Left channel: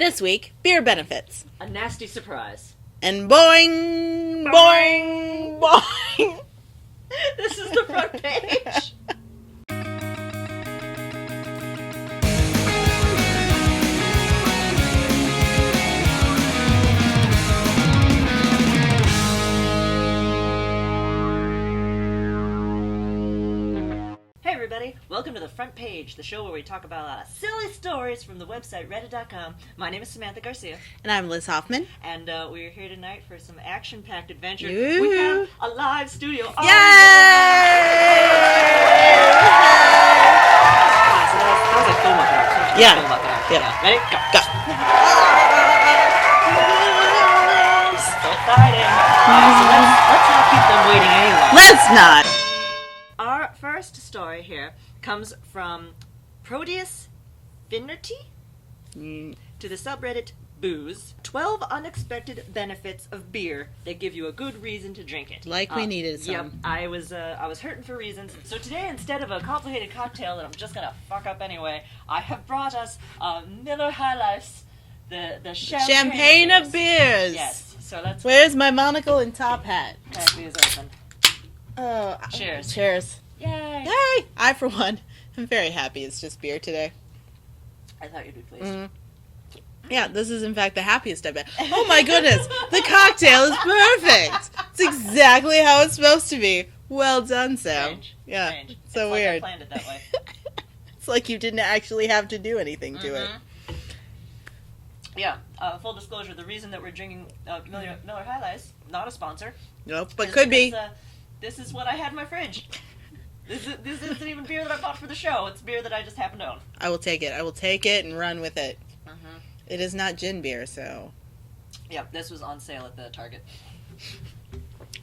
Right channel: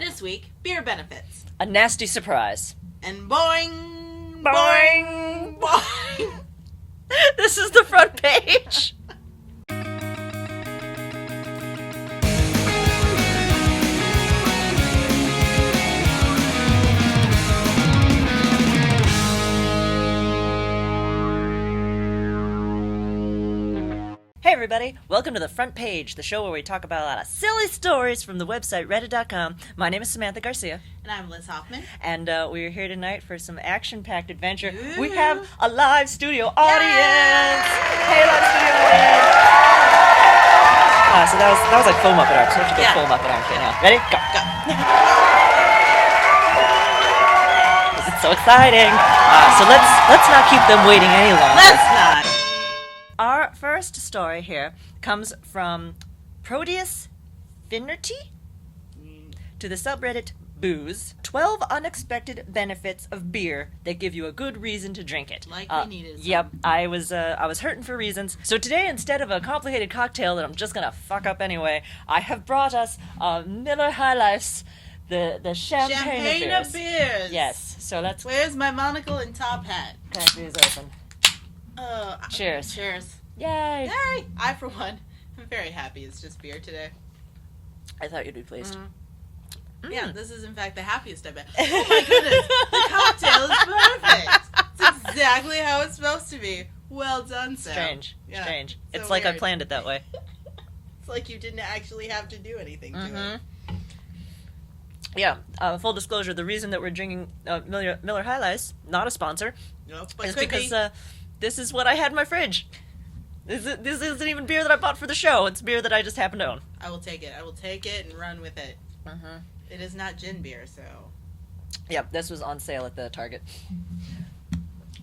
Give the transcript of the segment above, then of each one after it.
This week, beer benefits. A nasty surprise. And boing, boing, boing. This is the front page. Hey everybody, welcome to the front page, the show where we talk about a lot of silly stories from the website reddit.com. My name is Samantha Garcia. And I'm Liz Hoffman. And we're here tonight for some action-packed adventure. Ooh. We have a live studio audience! Yay! So that was like film up it up. So Yeah. Film up it up. Yeah. Ready? Go. This is so exciting. So let's not keep them waiting any longer. Let's not. Our first story here comes from Proteus Finnerty to the subreddit Booze. 12 unexpected benefits of beer that give you a good reason to drink it. Like we needed some. Yep, I was hurting for reasons. So today, instead of a complicated cocktail that I'm just gonna fuck up anyway, I have brought us Miller High Life, the champagne of beers. Yes. So let's Where's my monocle and top hat? crack these open. Cheers. Cheers. Yay! Yay! I, for one, am very happy it's just beer today. I thought you'd be pleased. Yeah, this is in fact the happiest I've been. Oh my goodness, the cocktail is perfect. It's exactly how it's supposed to be. Well done, Sam. Strange. Yeah, Strange. so It's like I weird. planned it that way. It's like you didn't actually have to do anything to it. Yeah. Full disclosure: the reason that we're drinking Miller High Life, not a sponsor, Nope, but is could because, be. This is what I had in my fridge. This isn't even beer that I bought for the show. It's beer that I just happen to own. I will take it. I will take it and run with it. It is not gin beer, so Yep. This was on sale at the Target.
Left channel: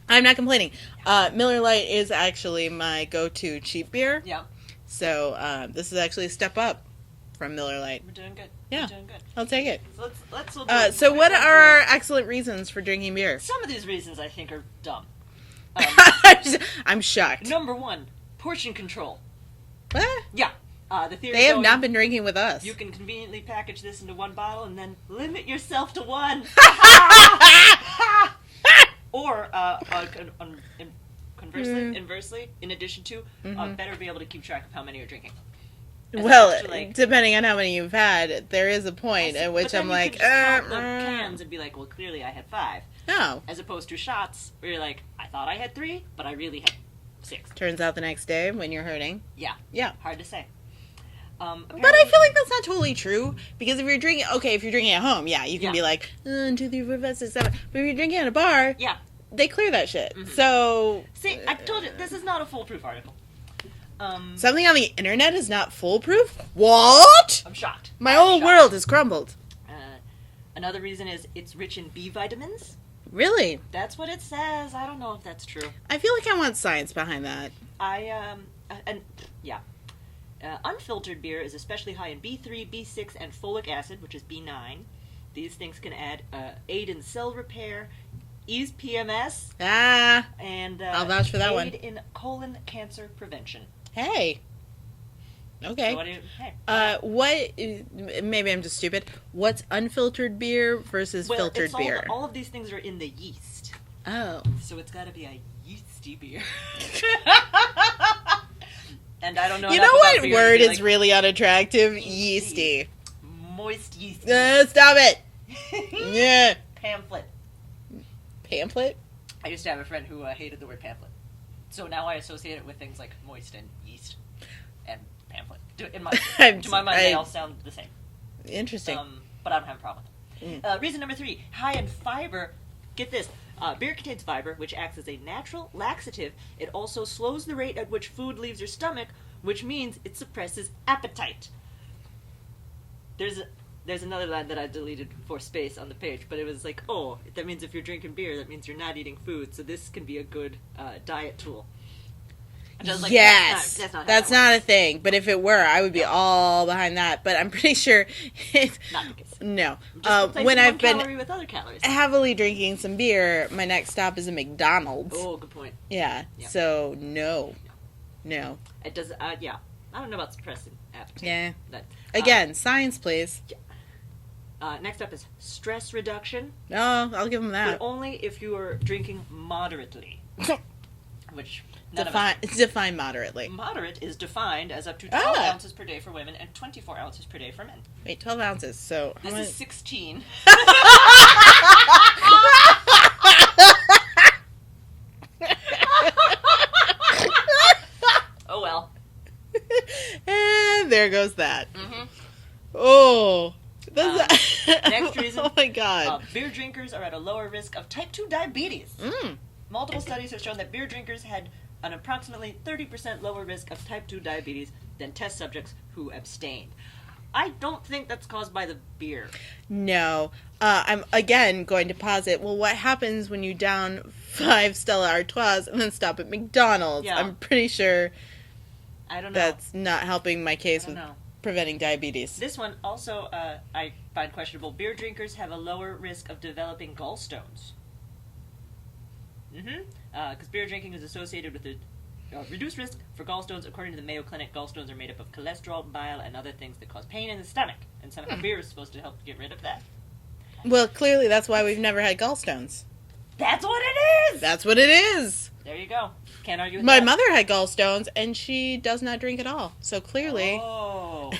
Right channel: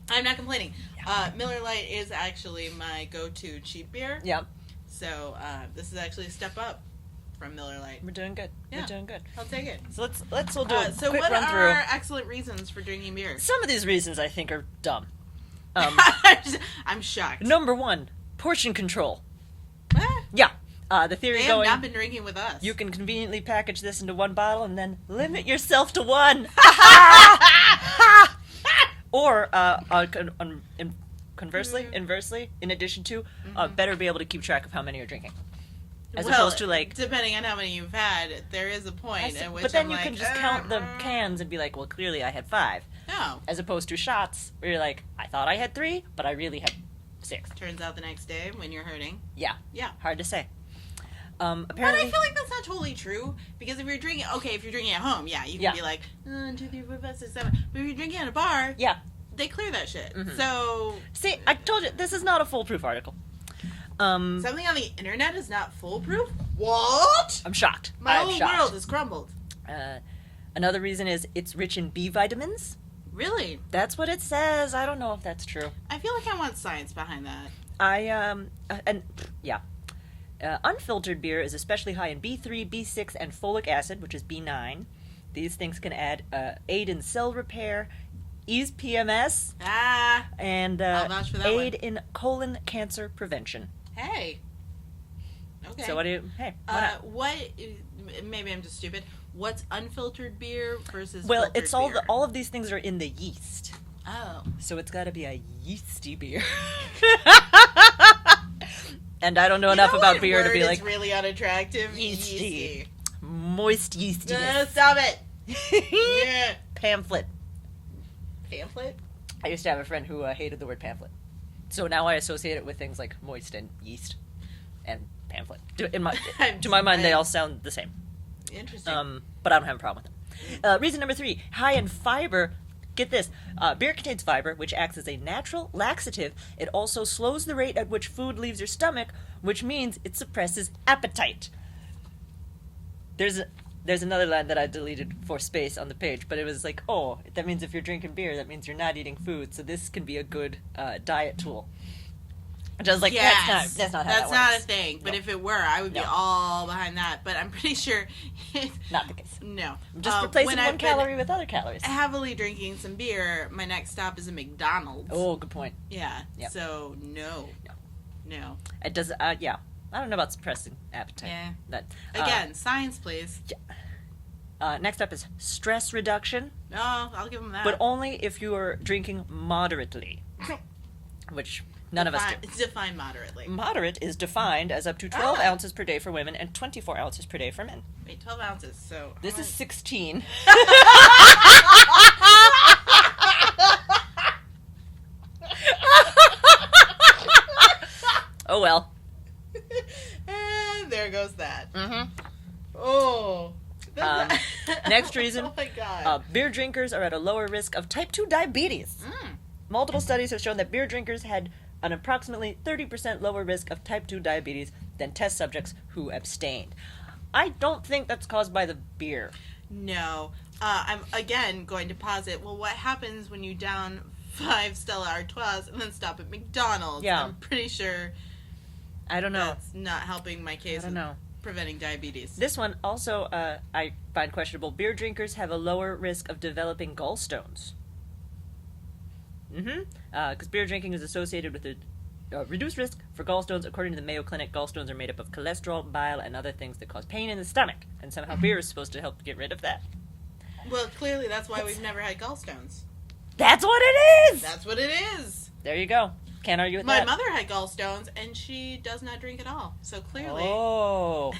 I'm not complaining. Miller Lite is actually my go-to cheap beer. Yep. So this is actually a step up from Miller Lite. We're doing good. Yeah. We're doing good. I'll take it. So we'll do a So quick what run are through. our excellent reasons for drinking beer? Some of these reasons I think are dumb. I'm shocked. Number one, portion control. What? Yeah. The theory They have going, not been drinking with us. you can conveniently package this into one bottle and then limit yourself to one. Or, inversely, in addition to, better be able to keep track of how many you're drinking. As Well, opposed to, like, depending on how many you've had, there is a point at which but then I'm you like, can just count the cans and be like, well, clearly I had 5. no. As opposed to shots, where you're like, I thought I had 3, but I really had 6. Turns out the next day when you're hurting. Yeah. Yeah. Hard to say. But I feel like that's not totally true, because if you're drinking at home, yeah, you can Yeah. be like, 1, 2, 3, 4, 5, 6, 7. But if you're drinking at a bar, Yeah. they clear that shit. So See, I told you, this is not a foolproof article. something on the internet is not foolproof? What? I'm shocked. My I'm whole shocked. world has crumbled. Another reason is it's rich in B vitamins. Really? That's what it says. I don't know if that's true. I feel like I want science behind that. Unfiltered beer is especially high in B3, B6, and folic acid, which is B9. These things can aid in cell repair, ease PMS, and I'll vouch for that one. aid in colon cancer prevention. Hey. Okay. So what do you? Hey. Maybe I'm just stupid. What's unfiltered beer versus Well, filtered it's beer? all of these things are in the yeast, Oh. so it's got to be a yeasty beer. And I don't know You enough know about what beer word to be is like, really unattractive? Yeasty. Yeasty. moist yeasty. Stop it. Yeah. Pamphlet. Pamphlet? I used to have a friend who hated the word pamphlet. So now I associate it with things like moist and yeast and pamphlet. To my mind, they all sound the same. Interesting. But I don't have a problem with it. Reason number 3, high in fiber. Get this. Beer contains fiber, which acts as a natural laxative. It also slows the rate at which food leaves your stomach, which means it suppresses appetite. There's another line that I deleted for space on the page, but it was like, oh, that means if you're drinking beer, that means you're not eating food, so this can be a good diet tool. And I was like, yes, that's not how that's that not a works. thing. But if it were, I would be all behind that. But I'm pretty sure it's Not the case. no. Just replacing When one I've been calorie with other calories. heavily drinking some beer, my next stop is a McDonald's. Oh, good point. Yeah. Yep. So no. It does. Yeah. I don't know about suppressing appetite. Yeah. That Again, science, please. Next up is stress reduction, No, I'll give them but that. only if you are drinking moderately, which none of us do. It's defined moderately. Moderate is defined as up to 12 Ah. ounces per day for women and 24 ounces per day for men. Wait, 12 ounces. So how This much? is 16. Oh well. And there goes that. Mm-hmm. Oh. Next reason. Oh my god. Beer drinkers are at a lower risk of type 2 diabetes. Mm. Multiple studies have shown that beer drinkers had an approximately 30% lower risk of type 2 diabetes than test subjects who abstained. I don't think that's caused by the beer. No. I'm again going to posit, well, what happens when you down 5 Stella Artois and then stop at McDonald's? Yeah. I'm pretty sure I don't know. that's not helping my case I don't with know. preventing diabetes. This one also I find questionable. Beer drinkers have a lower risk of developing gallstones. Because beer drinking is associated with a reduced risk for gallstones. According to the Mayo Clinic, gallstones are made up of cholesterol, bile, and other things that cause pain in the stomach. And somehow beer is supposed to help get rid of that. Well, clearly that's why we've never had gallstones. That's what it is! That's what it is. There you go. Can't argue with My that. mother had gallstones, and she does not drink at all. So clearly, Oh.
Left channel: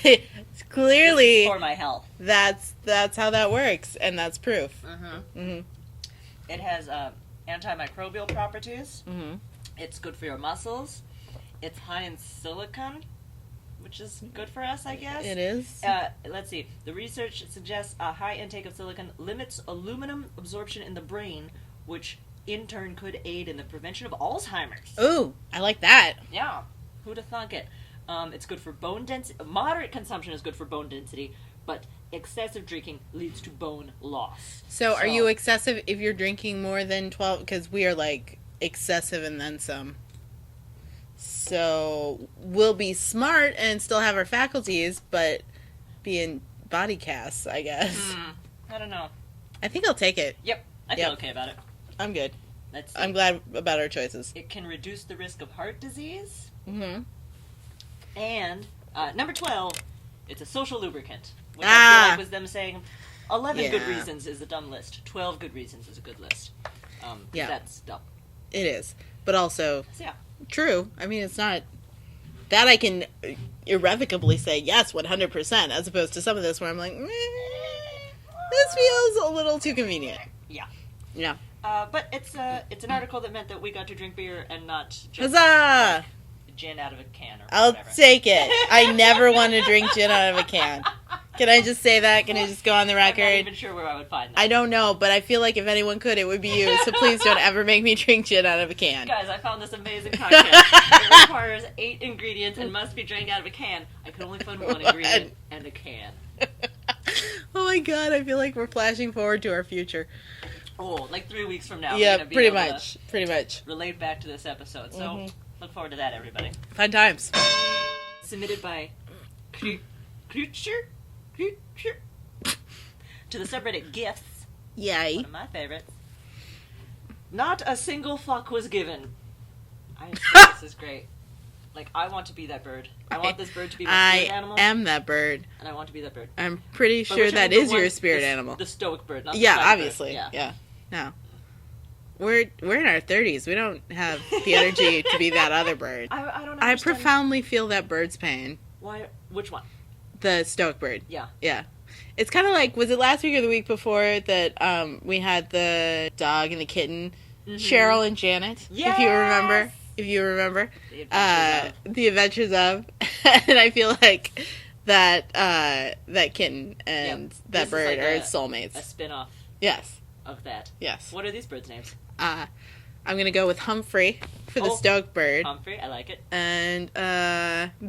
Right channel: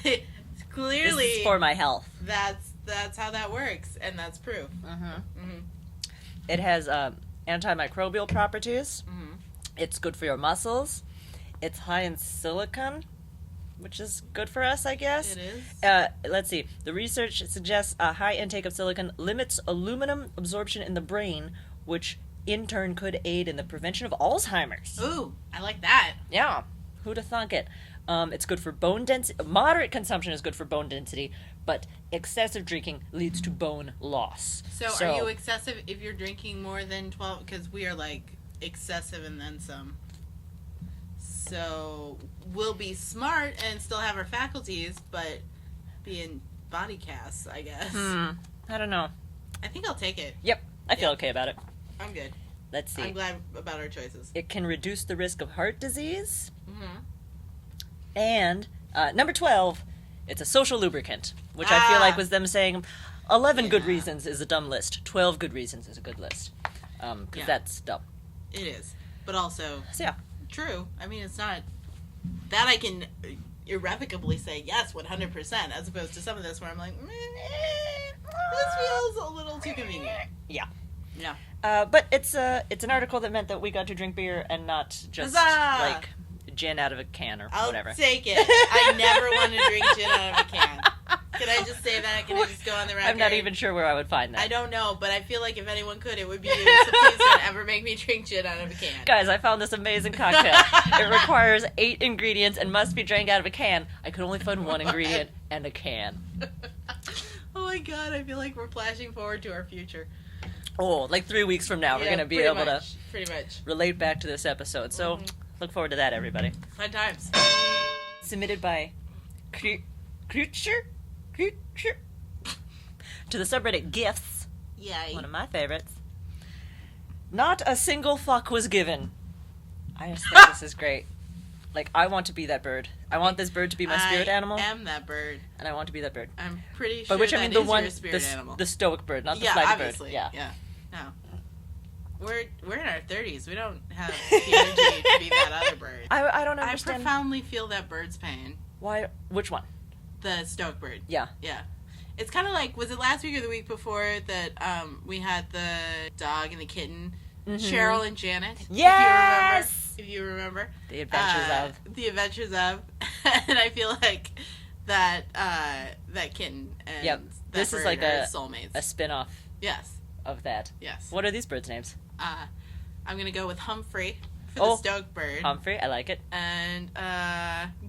clearly, This is for my health. that's how that works, and that's proof. Mm-hmm. It has antimicrobial properties. Mm-hmm. It's good for your muscles. It's high in silicon, which is good for us, I guess. It is. Let's see. The research suggests a high intake of silicon limits aluminum absorption in the brain, which in turn could aid in the prevention of Alzheimer's. Ooh, I like that. Yeah. Who'da thunk it? It's good for bone density. Moderate consumption is good for bone density, but excessive drinking leads to bone loss. So, are you excessive if you're drinking more than 12? Because we are like excessive and then some. So we'll be smart and still have our faculties, but be in body casts, I guess. I don't know. I think I'll take it. Yep. I feel Yep. okay about it. I'm good. Let's see. I'm glad about our choices. It can reduce the risk of heart disease. Mm-hmm. And number 12, it's a social lubricant, which I Ah. feel like was them saying 11 good Yeah. reasons is a dumb list. 12 good reasons is a good list. Yeah. That's dumb. It is. But also, So yeah. true. I mean, it's not... That I can irrevocably say yes, 100%, as opposed to some of this where I'm like, this feels a little too convenient. Yeah. Yeah. But it's an article that meant that we got to drink beer and not just Huzzah! like gin out of a can or I'll whatever. take it. I never want to drink gin out of a can. Can I just say that? Can I just go on the I'm record? not even sure where I would find that. I don't know, but I feel like if anyone could, it would be you. So please don't ever make me drink gin out of a can. Guys, I found this amazing cocktail. It requires 8 ingredients and must be drank out of a can. I could only find one ingredient and a can. Oh my god, I feel like we're flashing forward to our future. Oh, like 3 weeks from now, we're Yeah, going to be pretty able much. Pretty much. to relate back to this episode. So look forward to that, everybody. Fun times. Submitted by Creature to the subreddit GIFs, Yay. one of my favorites. Not a single fuck was given. I just think this is great. Like, I want to be that bird. I want this bird to be my spirit animal. I am that bird. And I want to be that bird. I'm pretty But sure whichever that the is one- your spirit the, animal. The stoic bird, not the Yeah, spider obviously. bird. Yeah. No. We're in our 30s. We don't have the energy to be that other bird. I don't I understand. profoundly feel that bird's pain. Why? Which one? The stoic bird. Yeah. Yeah. It's kind of like, was it last week or the week before that we had the dog and the kitten, Cheryl and Janet? Yes! If you remember. The Adventures The Adventures of. And I feel like that that kitten and that This is bird like are a soulmates. spin-off Yes. of that. Yes. What are these birds' names? I'm going to go with Humphrey for the Oh. stoic bird. Humphrey, I like it. And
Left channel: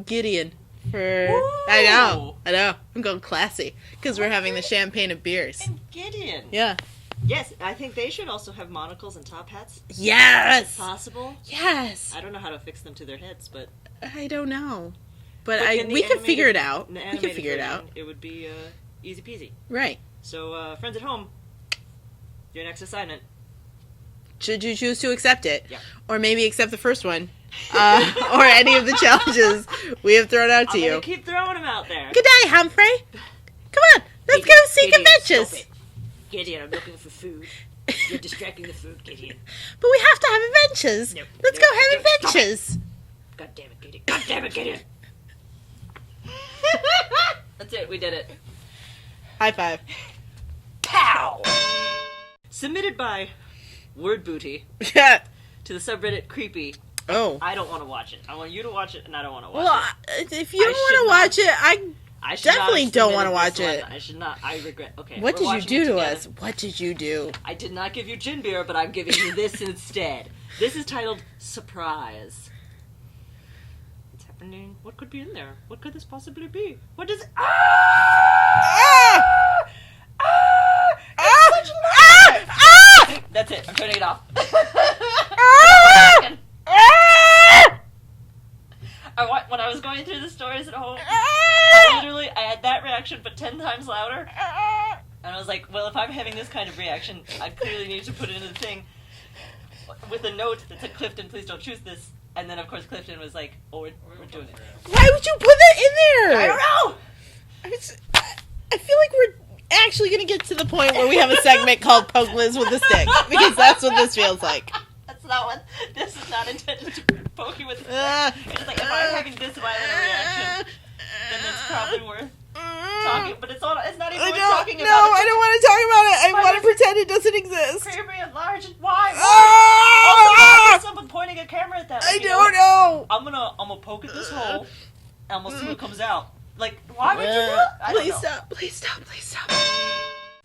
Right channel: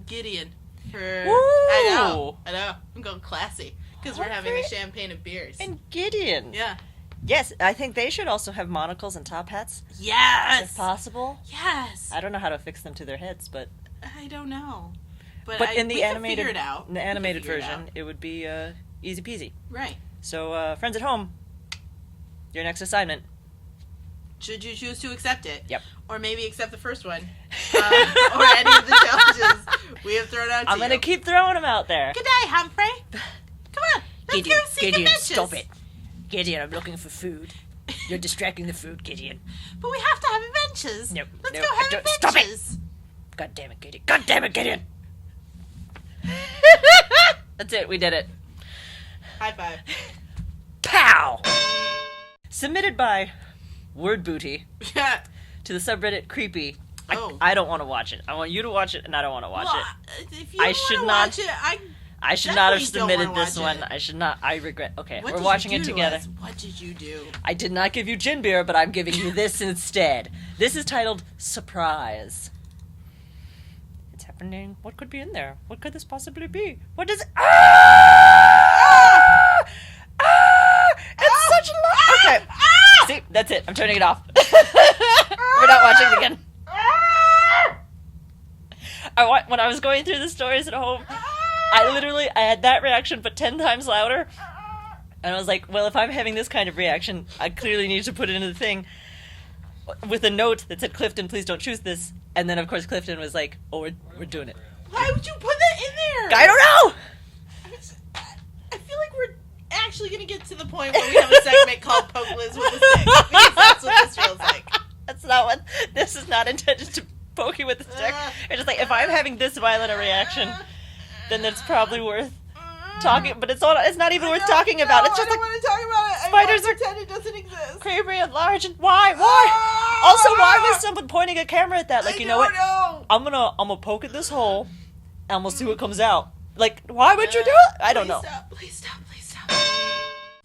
Gideon for... Ooh. I know. I'm going classy. Because we're having the champagne of beers. And Gideon. Yeah. Yes, I think they should also have monocles and top hats. Yes! If possible. Yes! I don't know how to fix them to their heads, but I don't know. But, in the we can animated- figure it out. in the We can animated figure it version, out. it would be easy peasy. Right. So, friends at home, your next assignment. Should you choose to accept it? Yep. Or maybe accept the first one. Or any of the challenges we have thrown out to I'm you. going to keep throwing them out there. Good day, Humphrey. Come on. Let's go seek adventures. Stop it. Gideon, I'm looking for food. You're distracting the food, Gideon. But we have to have adventures. No, Let's no, go have no, stop it. adventures. God damn it, Gideon. God damn it, Gideon. That's it. We did it. High five. Pow! Submitted by Word Booty to the subreddit Creepy. Oh. I don't want to watch it. I want you to watch it, and I don't want to watch Well, it. if you want to watch it, I should definitely not don't have want to watch submitted this it. one. I should not. I regret. Okay, What we're did watching you do it to together. us? What did you do? I did not give you gin beer, but I'm giving you this instead. This is titled Surprise. It's happening. What could be in there? What could this possibly be? What does it... It's such loud... See, that's it. I'm turning it off. We're not watching it again. When I was going through the stories at home, I had that reaction, but 10 times louder. And I was like, well, if I'm having this kind of reaction, I clearly need to put it in the thing with a note that said, Clifton, please don't choose this. And then, of course, Clifton was like, oh, we're doing it. Why would you put that in there? I don't know! I feel like we're actually going to get to the point where we have a segment called Poke Liz with a Stick. Because that's what this feels like. That's not what... This is not intended to poke you with a stick. It's just like, if I'm having this violent a reaation, then it's probably worth talking... But it's not even worth talking about. No, It's I don't want to talk about it. I want to pretend it doesn't exist. Very large and why? Also, why is someone pointing a camera at that? Like, I you know what? don't know. I'm gonna poke at this hole, and we'll see what comes out. Like, why would you do it? I don't know. Please stop.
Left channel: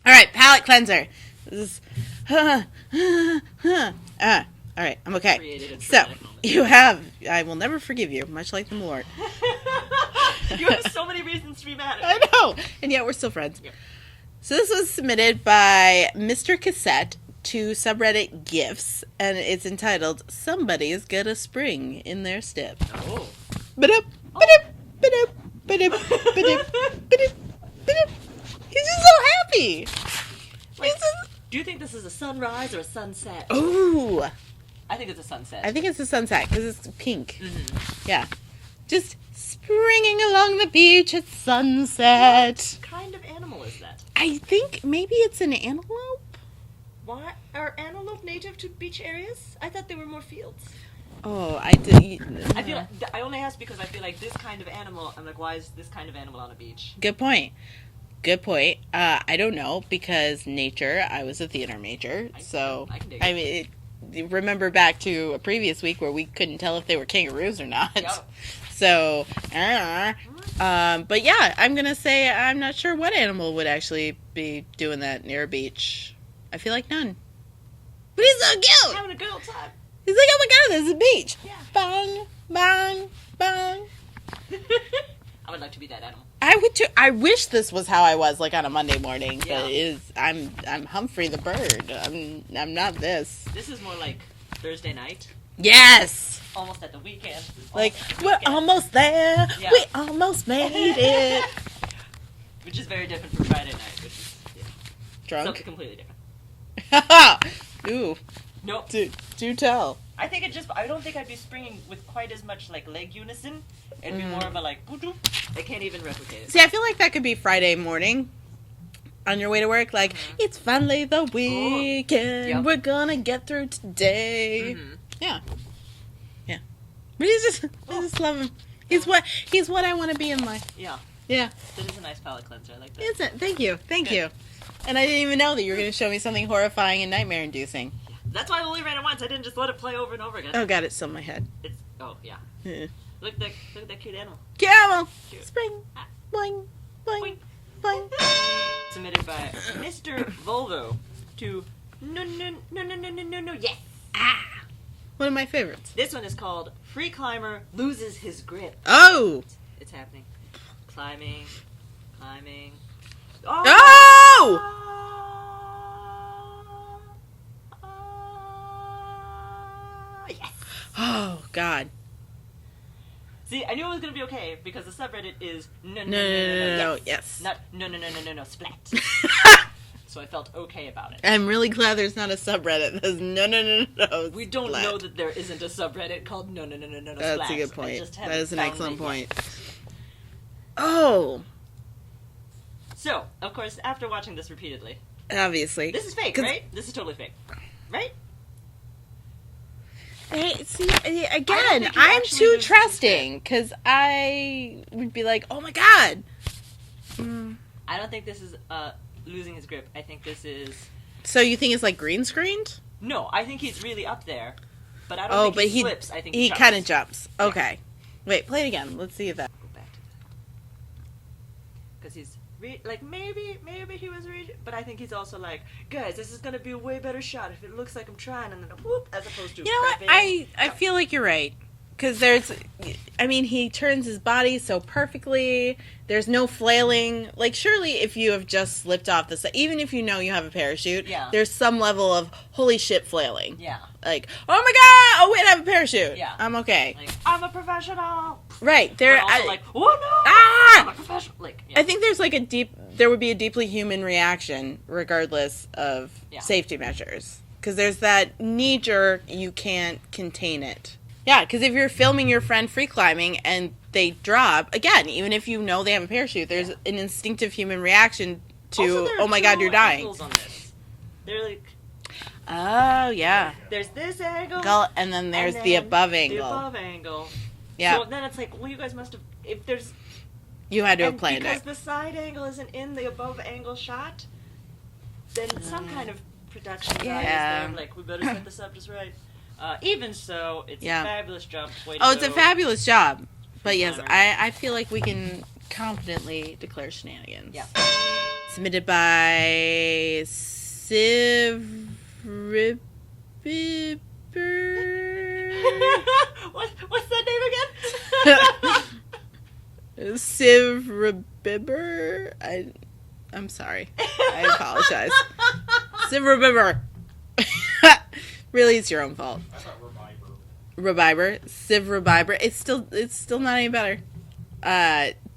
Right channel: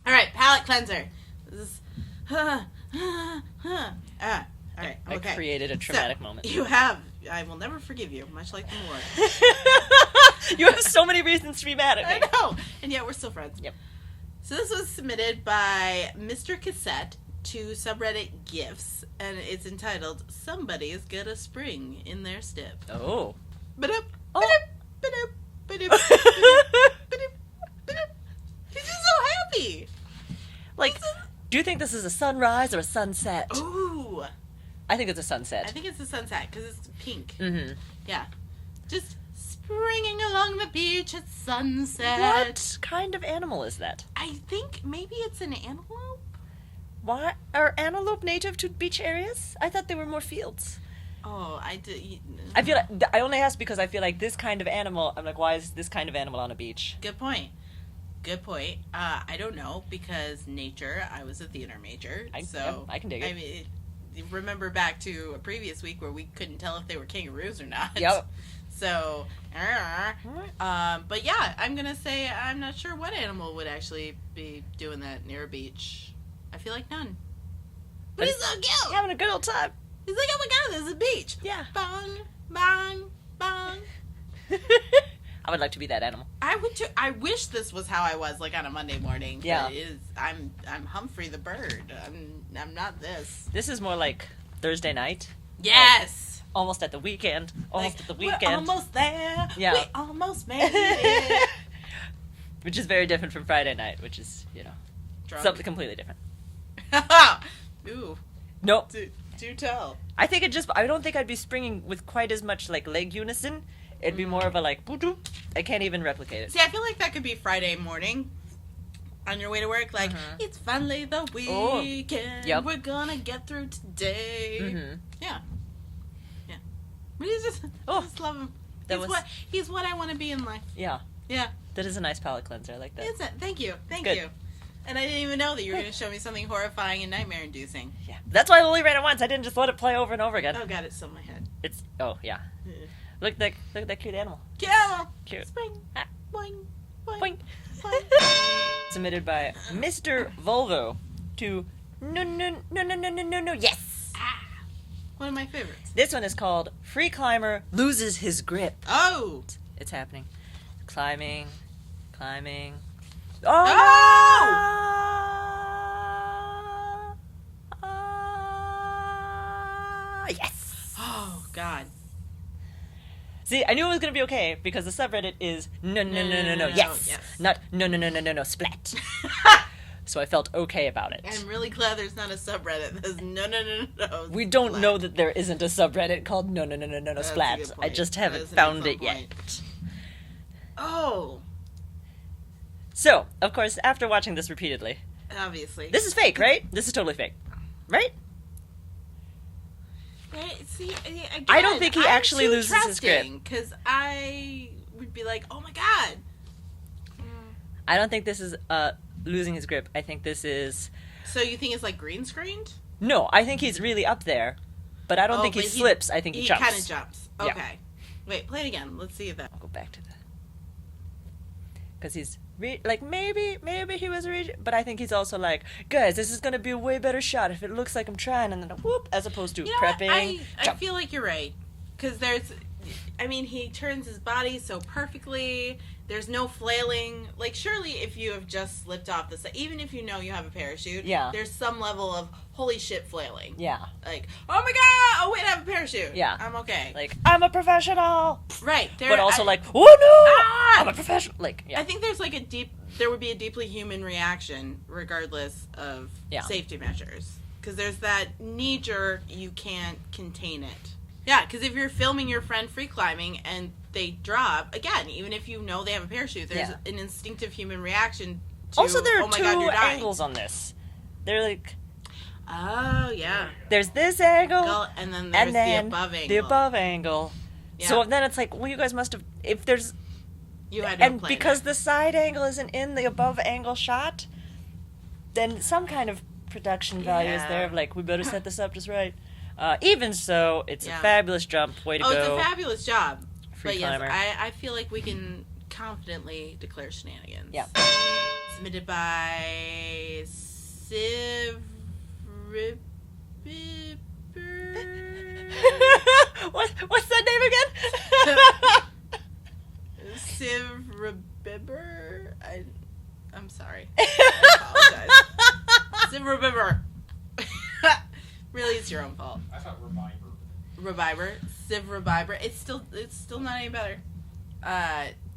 All right, palate cleanser. This is... all right, I'm okay. I created a traumatic moment. You have. I will never forgive you, much like the Lord. You have so many reasons to be mad at me. I know, and yet we're still friends. Yep. So this was submitted by Mr. Cassette to subreddit GIFs, and it's entitled "Somebody's Got a Spring in Their Step." Oh. Ba-dup, ba-dup, ba-dup, ba-dup, ba-dup, ba-dup, ba-dup. He's just so happy. Like, do you think this is a sunrise or a sunset? Ooh. I think it's a sunset. I think it's a sunset because it's pink. Mm-hmm. Yeah. Just springing along the beach at sunset. What kind of animal is that? I think maybe it's an antelope. Why are antelope native to beach areas? I thought they were more fields. Oh, I did. I feel like I only asked because I feel like this kind of animal. I'm like, why is this kind of animal on a beach? Good point. I don't know because nature. I was a theater major, I can dig it. I mean, remember back to a previous week where we couldn't tell if they were kangaroos or not. Yep. So, but yeah, I'm gonna say I'm not sure what animal would actually be doing that near a beach. I feel like none. But he's so cute. Having a good old time. He's like, oh my god, there's a beach. Yeah. Bang, bang, bang. I would like to be that animal. I would too. I wish this was how I was, like on a Monday morning. Yeah. But it is. I'm Humphrey the bird. I'm not this. This is more like Thursday night. Yes. Almost at the weekend. Like Almost at the we're weekend. almost there. Yeah. We almost made it. Which is very different from Friday night, which is, Drunk. something completely different. Ooh. Nope. Do tell. I don't think I'd be springing with quite as much like leg unison. It'd be more of a like, boo-doo. I can't even replicate it. See, I feel like that could be Friday morning on your way to work. Like, it's finally the weekend. Yep. We're gonna get through today. Mm-hmm. Yeah. But I just love him. He's what I want to be in life. Yeah. Yeah. That is a nice palate cleanser. I like that. It's Thank you. Good. And I didn't even know that you were going to show me something horrifying and nightmare-inducing. Yeah. That's why I only read it once. I didn't just let it play over and over again. Oh god, it's still in my head. Yeah. Look at that cute animal. Camel. Cute. Spring. Boing. Boing. Boing. Boing. Submitted by Mr. Volvo to no. Yes. One of my favorites. This one is called Free Climber Loses His Grip. Oh. It's happening. Climbing. Oh! Yes. Oh god. See, I knew it was gonna be okay because the subreddit is no, yes. Not no, splat. So I felt okay about it. I'm really glad there's not a subreddit that says no. We don't know that there isn't a subreddit called no, splat. That's a good point. I just haven't That is an found excellent it point. yet. Oh. So, of course, after watching this repeatedly, Obviously. this is fake, right? This is totally fake, right? Hey, see, again, I don't think he I'm actually too loses his trusting, because I would be like, oh my god. I don't think this is losing his grip. I think this is... So you think it's like green screened? No, I think he's really up there, but I don't think he slips. I think he jumps. He kind of jumps. Yeah. Okay. Wait, play it again. Let's see if that... I'll go back to that. Because he's... maybe he was reaching, but I think he's also like, guys, this is gonna be a way better shot if it looks like I'm trying, and then whoop, as opposed to prepping. I feel like you're right, because he turns his body so perfectly. There's no flailing. Like, surely if you have just slipped off the set, even if you know you have a parachute, there's some level of holy shit flailing. Yeah. Like, oh my god, oh wait, I have a parachute. Yeah. I'm okay. Like, I'm a professional. Right. But also like, oh no, I'm a professional. Like, yeah. I think there's like there would be a deeply human reaction regardless of safety measures. Because there's that knee jerk, you can't contain it. Yeah, because if you're filming your friend free climbing and they drop, again, even if you know they have a parachute, there's an instinctive human reaction to, also, there are oh my god, you're dying. angles on this. They're like... Oh, yeah. There's this angle. And then there's the above angle. The above angle. Yeah. So then it's like, well, you guys must have... If there's... You had to have planned because it. the side angle isn't in the above angle shot, then some kind of production value is there. Like, we better set this up just right. Even so, it's a fabulous jump. Way to go. It's a fabulous job. But yes, climber. I feel like we can confidently declare shenanigans. Yeah. Submitted by Civ Ribber. What's that name again? Civ Ribber. I'm sorry. I apologize. Civ Ribber. Really, it's your own fault. I thought Reviber. Civ Reviber. It's still not any better.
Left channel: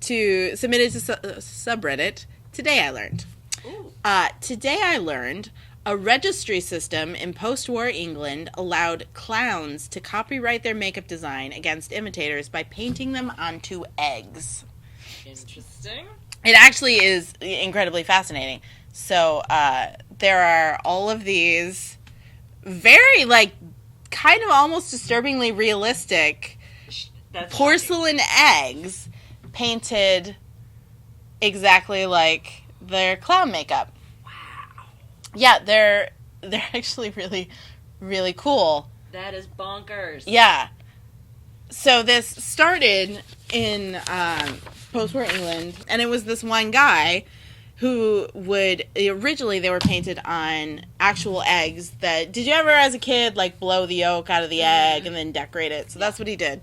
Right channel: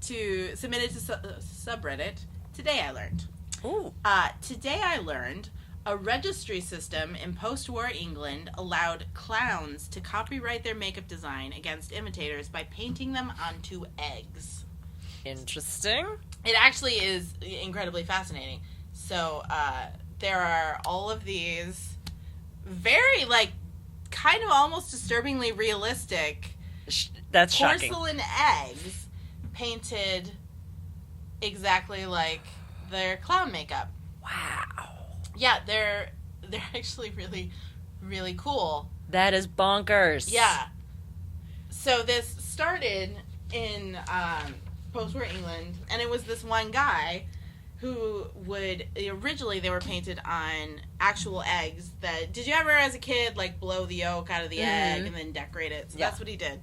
To submit it to subreddit. Today I learned. Ooh. Today I learned a registry system in post-war England allowed clowns to copyright their makeup design against imitators by painting them onto eggs. Interesting. It actually is incredibly fascinating. So there are all of these very, like, kind of almost disturbingly realistic porcelain eggs painted exactly like their clown makeup. Wow. Yeah, they're actually really, really cool. That is bonkers. Yeah. So this started in post-war England, and it was this one guy who originally they were painted on actual eggs that, did you ever as a kid like blow the yolk out of the egg and then decorate it? So that's what he did.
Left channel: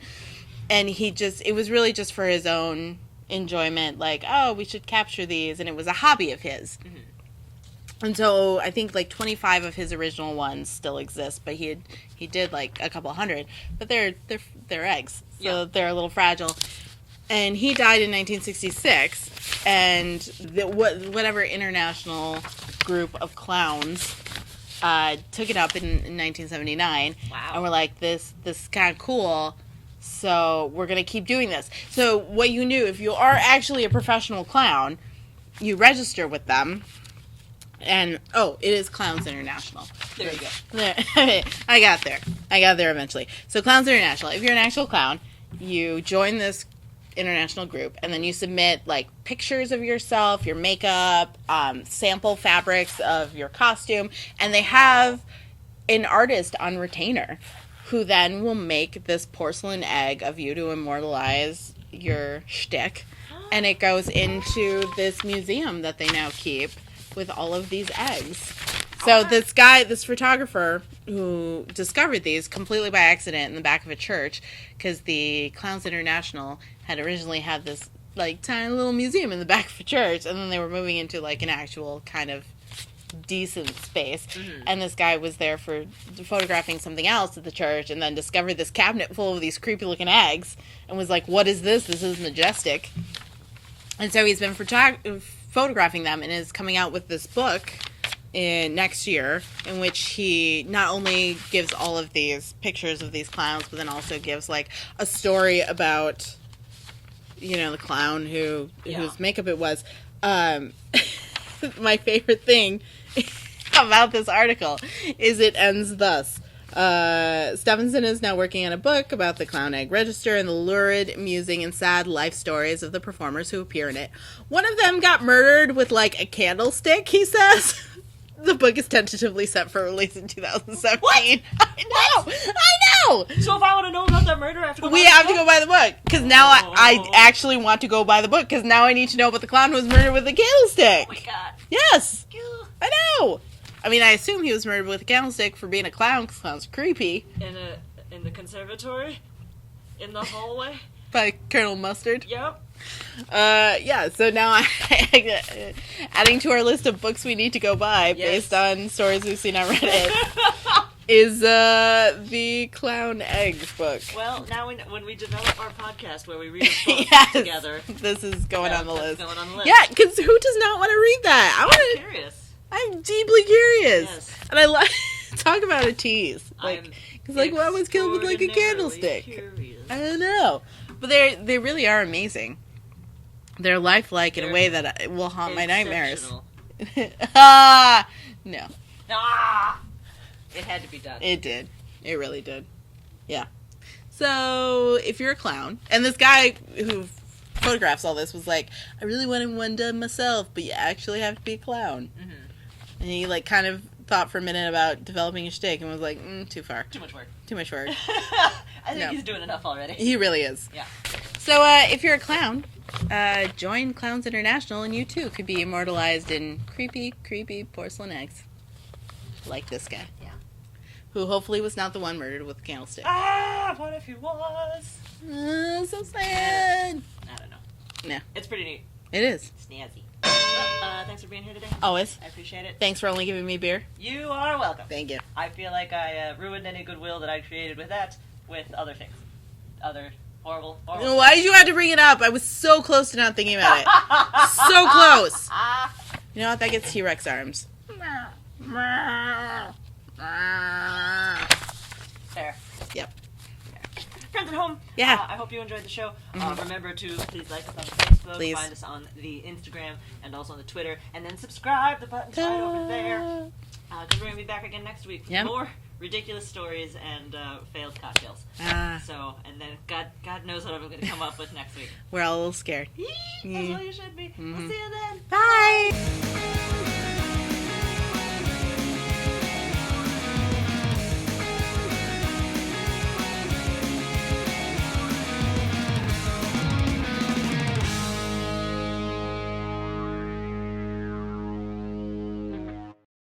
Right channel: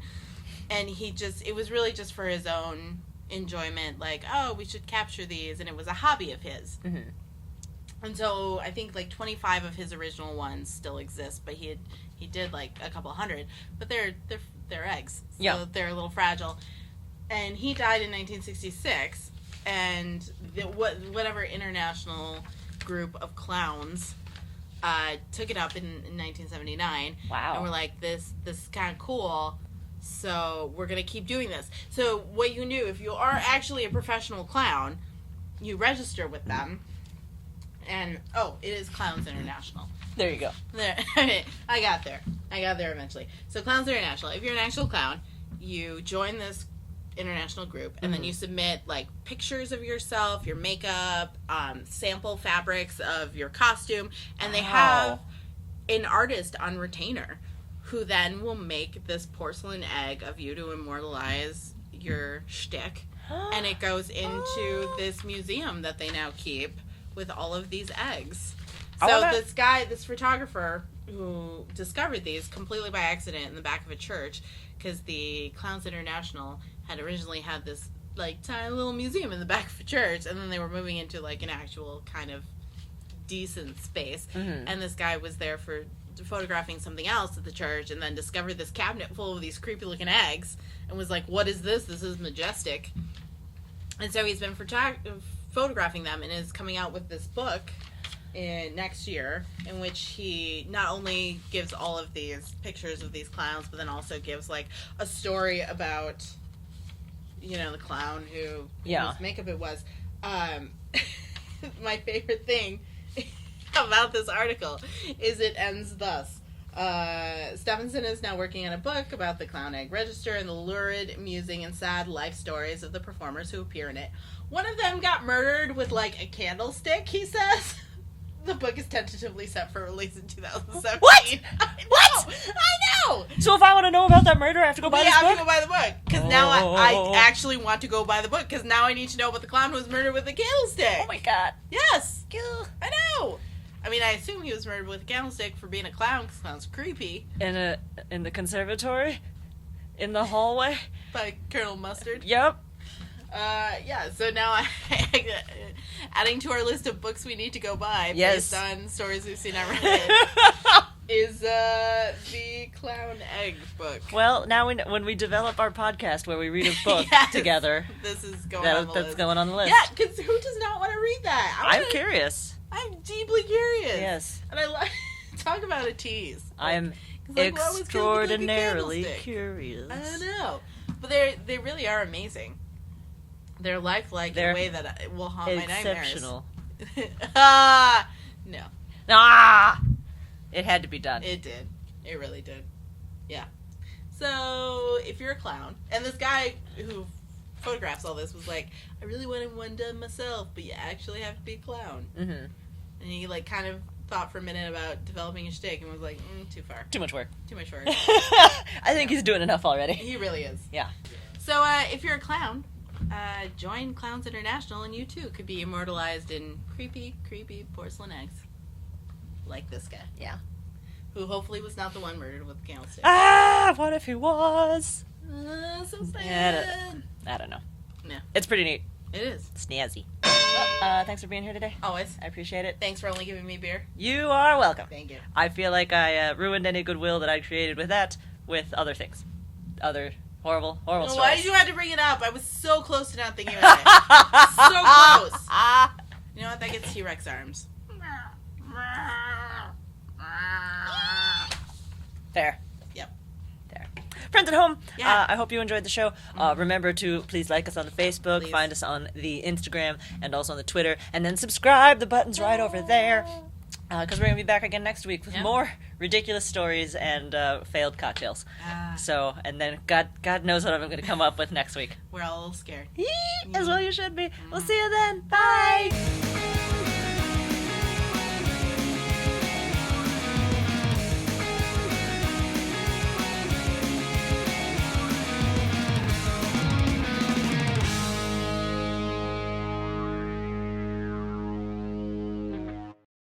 And it was really just for his own enjoyment, like, oh, we should capture these, and it was a hobby of his. Mm-hmm. And so I think like 25 of his original ones still exist, but he did like a couple hundred, but they're eggs, so they're a little fragile. And he died in 1966, and whatever international group of clowns took it up in 1979. Wow. And we're like, this is kind of cool, so we're going to keep doing this. So what you do, if you are actually a professional clown, you register with them. And, it is Clowns International. There you go. I got there eventually. So Clowns International, if you're an actual clown, you join this international group, and then you submit like pictures of yourself, your makeup, sample fabrics of your costume, and they have an artist on retainer who then will make this porcelain egg of you to immortalize your shtick, and it goes into this museum that they now keep with all of these eggs. So this photographer who discovered these completely by accident in the back of a church, because the Clowns International had originally had this like tiny little museum in the back of a church, and then they were moving into like an actual kind of decent space. Mm-hmm. And this guy was there for photographing something else at the church, and then discovered this cabinet full of these creepy looking eggs, and was like, "What is this? This is majestic." And so he's been photographing them, and is coming out with this book next year, in which he not only gives all of these pictures of these clowns, but then also gives like a story about, the clown whose makeup it was. My favorite thing about this article is it ends thus. Stevenson is now working on a book about the Clown Egg Register and the lurid, amusing, and sad life stories of the performers who appear in it. One of them got murdered with, like, a candlestick, he says. The book is tentatively set for release in 2017. What? I know! I know! So if I want to know about that murder, I have to go buy We the have book? to go buy the book. Because now I actually want to go buy the book. Because now I need to know about the clown who was murdered with a candlestick. Oh my god. Yes! Ugh. I know! I mean, I assume he was murdered with a candlestick for being a clown, because clowns are creepy. In the conservatory? In the hallway? By Colonel Mustard. Yep. Yeah, so now adding to our list of books we need to go buy based on stories we've seen on Reddit is the Clown Egg book. Well, now when we develop our podcast where we read a book Yes, together, this is going on the that's list. going on the list. Yeah, because who does not want to read that? I'm curious. I'm deeply curious. Yes. And I talk about a tease. I'm like one was killed with like a extraordinarily candlestick. curious. I don't know. But they really are amazing. They're lifelike in a way that will haunt my nightmares. No. Ah! It had to be done. It did. It really did. Yeah. So, if you're a clown, and this guy who photographs all this was like, I really wanted one done myself, but you actually have to be a clown. Mm-hmm. And he, like, kind of thought for a minute about developing a shtick and was like, too far. Too much work. Too much work. I think he's doing enough already. He really is. Yeah. So, if you're a clown, join Clowns International, and you too could be immortalized in creepy, creepy porcelain eggs. Like this guy. Yeah. Who hopefully was not the one murdered with a candlestick. Ah, what if he was? So sad. I don't know. No. It's pretty neat. It is. Snazzy. Thanks for being here today. Always. I appreciate it. Thanks for only giving me beer. You are welcome. Thank you. I feel like I ruined any goodwill that I created with that with other things. Other horrible Why stories. did you have to bring it up? I was so close to not thinking about it. So close. You know what? That gets T-Rex arms. Fair. Yep. Fair. Friends at home, Yeah. I hope you enjoyed the show. Remember to please like us on the Facebook, Please. find us on the Instagram, and also on the Twitter, and then subscribe. The button's right over there. Because we're going to be back again next week with more ridiculous stories and failed cocktails. So, and then God knows what I'm going to come up with next week. We're all a little scared. As well you should be. We'll see you then. Bye!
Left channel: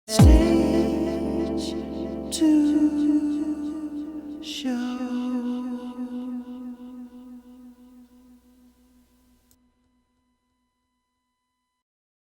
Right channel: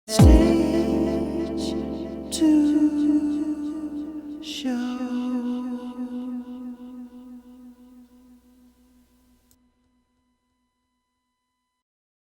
Stage 2.